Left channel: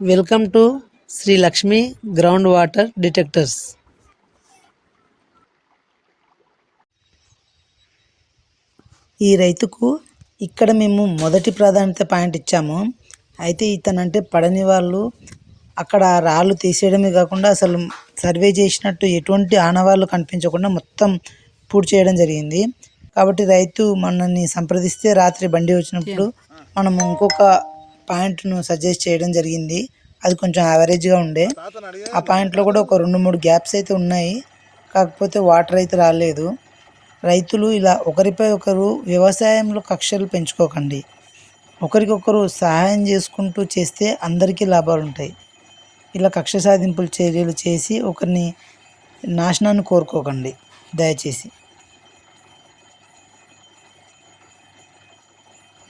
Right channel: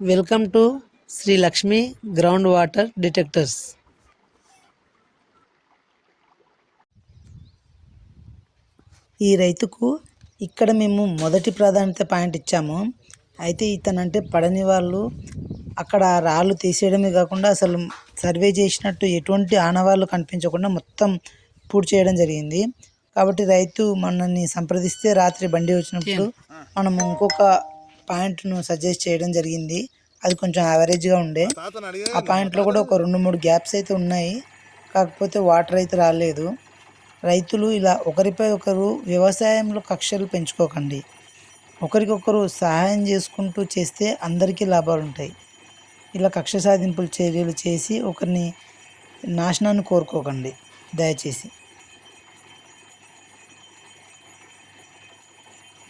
Welcome to Sri Lakshmi ground water detectors ఈ రైతుకు ఇక్కడ మేము మొదటి ప్రాధాన్యత పాయింట్ ఇచ్చాము. అయితే ఇతనంటే పడని వాళ్ళు అక్కడ రాళ్ళు తీసేయడమే కాకుండా అసలు సర్వే చేసినట్టు ఎటువంటి ఆనవాళ్ళు కనిపించకుండా మొత్తం పూర్తి చేయడం జరిగింది. కాబట్టి రైతు మనల్ని సంప్రదిస్తే రాత్రి బండి వచ్చినప్పుడు మనం ఇంకొక పాయింట్ను సజెస్ట్ చేయడం జరిగింది. అది కొంచెం యావరేజ్గా ఉండే. ఆ పాయింట్లో కూడా ఒక రెండు మూడు గ్యాప్స్ అయితే ఉన్నాయి. కాకపోతే వాటర్ అయితే రాలేదు. రైతులు ఇలా ఒకరిపై ఒకరు వ్యవసాయంలో కక్షలు పెంచుకోకండి. ఒకరికొకరు సహాయం చేసుకుంటూ చేస్తే అందరికీ లాభాలు ఉంటాయి. ఇలా కక్ష సాధింపులు చర్యలు చేసి ఒకరిని నాశనాన్ని కోరుకోకండి. దయచేసి.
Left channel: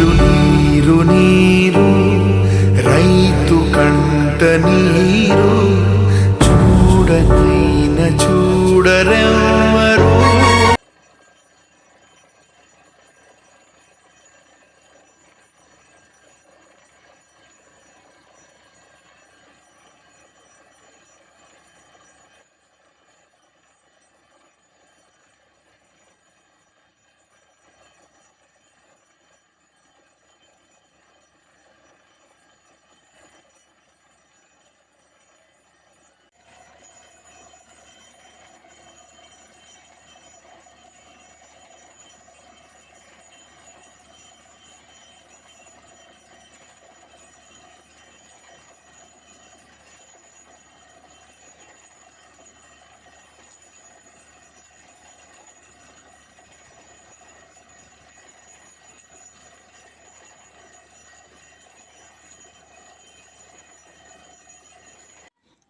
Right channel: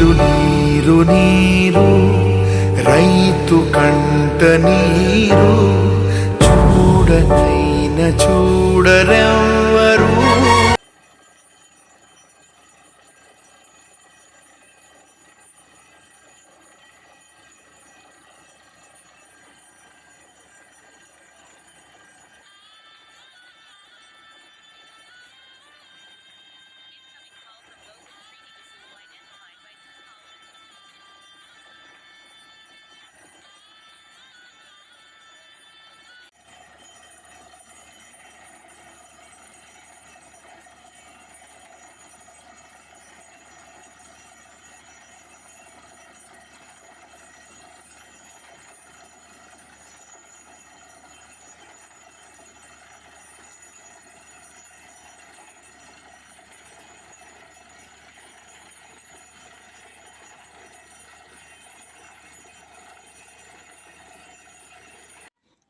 నీరు నీరు నీరు రైతు కంట నీరు చూడనైన చూడరా.